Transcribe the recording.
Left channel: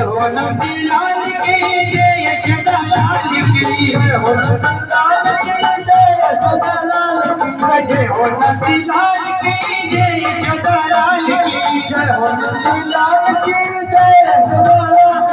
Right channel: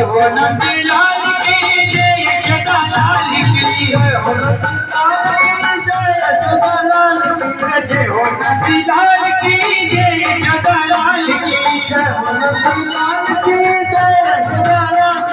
नंदलाल की जय यशोदा लाल की जय हो नंदलाल की जय यशोदा लाल की जय हो नंदलाल की जय यशोदा लाल की जय हो नंदलाल की जय यशोदा लाल